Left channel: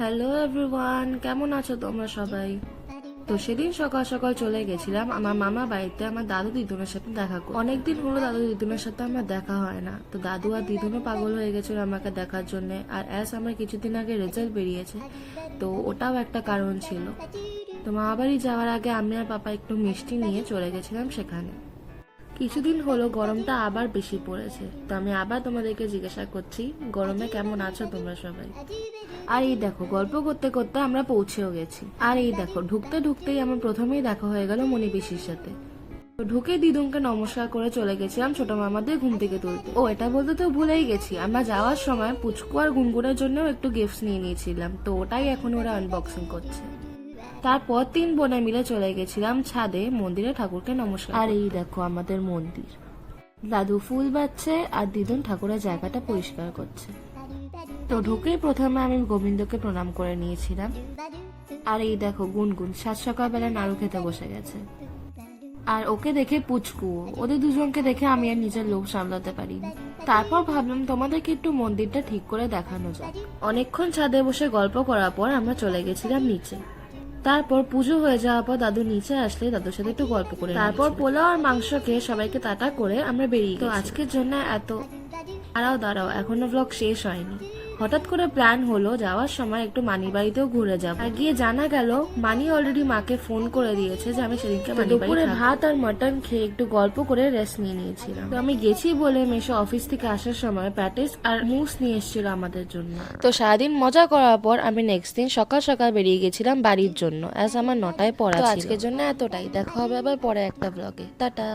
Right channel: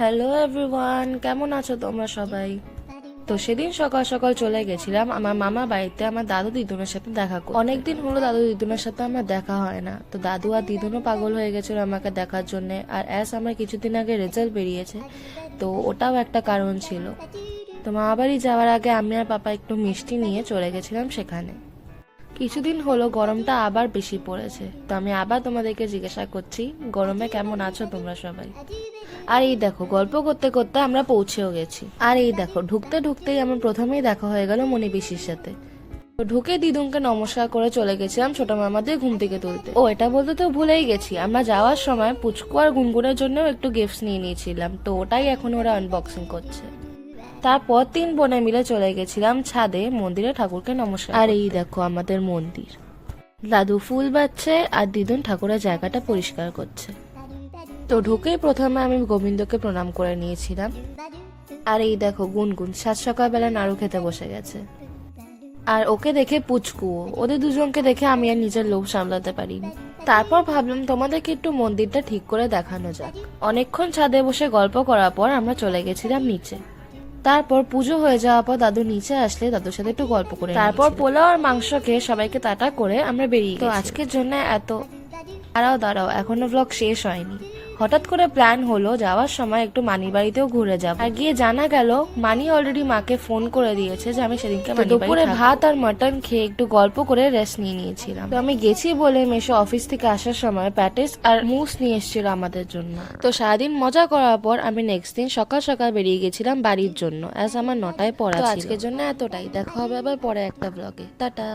Hello everyone, কেমন আছো তোমরা সবাই? তো সেদিন সকাল সকাল চলে গেছিলাম আমার মামা বাড়িতে আমার দাদু দিদুনের সাথে দেখা করতে। অনেকদিন হলো দাদু দিদুনের সাথে আমার দেখা হয় না, তো দাদু আর দিদুনও পাগল হয়ে গেছিল আমাকে দেখার জন্য। আর আমার কিছুদিন আগে রেজাল্ট বেরিয়েছে, তো ওটাও একটা কারণ ছিল। তো মামা বাড়ি যাওয়ার আগে আমি আর পাপা একটু মিষ্টি নিয়ে চলে গেছিলাম সেখানে। কিছুদিন হলো গরমটা আবার বেশি পড়েছে, তো আমি আবার তোমাদেরকে জিজ্ঞাসা করছি গরমে কেমন আছো তোমরা সবাই। আর এই দেখো, গল্প করতে করতে আমরা পৌঁছেও গেছি। আর এই দেখো, ঢুকতে ঢুকতেই আমার প্রথমেই দেখা হয়ে গেল মনি পিসির সাথে। তো ঢুকে দিদুনকে নমস্কার করে চলে গেছিলাম ছোট মামাদের ঘুম থেকে তুলতে। ও এটা বলতে তো ভুলেই গেছি, আমরা যাওয়ার সময় পুচকু আর গুনগুনের জন্য একটু গিফটস নিয়ে নিয়েছিলাম, তো ওটাই এখন ওরা আনবক্সিং করছে। তারপর 3 বোনে মিলে চলে গেছিলাম ছাদে মন্দিরে ঠাকুরকে নমস্কার। আর এই দেখো আমাদের মন্দির, দাদু ফুল বাচ্ছে আর দিদুন ঠাকুরের জায়গাটা পরিষ্কার করছে। তো ঢুকেই প্রথমে আমি গোবিন্দকে প্রণাম করে নিয়েছিলাম। আর এই দেখো গুনগুন সাত সকালবেলা নাড়ু খেতে বসে গেছে। আর ওকে দেখে পুচকুও, ওদের দুজনকে দেখে আমি আর নিজের লোভ সামলাতে পারিনি। তারপর ভাবলাম তোমাদেরকে একটু মন্দিরটা ঠিক করে দেখানো যাক। অনেকক্ষণ ছাদে বসে গল্প করার পর আমরা চলে গেছিলাম নিচে। তারপর পুজো হয়ে যাওয়ার পর দাদু নিচে আসলে দাদুর সাথে একটু গল্প করে, তারপর পোলাও আর মাংস খেয়ে সবাইকে টাটা করে আমরা বেরিয়ে গেছি। আজকের জন্য এত। দাঁড়াও এখনো ব্লগ শেষ হয়নি। হঠাৎ করে প্ল্যান হলো যাওয়ার সময় একটু মানির বাড়িতেও ঘুরে যাব। আর গিয়ে জানা গেল মানি অলরেডি মাকে ফোন করে দিয়েছে যে আমি সেদিনকে দুপুরে ভাত আর মাটন খেয়ে একটু গল্প করে রেস্ট নিয়ে নিয়েছিলাম। তো আমি গেছি বলে মেশো অফিস থেকে আসার সময় প্যাটিস আর মুস নিয়ে এসেছিল আমাদের জন্য। তো সারাদিন মজা করার পর আমি নেক্সট দিন সকাল সকাল বেরিয়ে গেছিলাম বাড়ির জন্য, আমার 9টায় পড়া ছিল। আজকের জন্য এতটাই, দেখা হবে আবার পরে একটা ব্লগে। টাটা।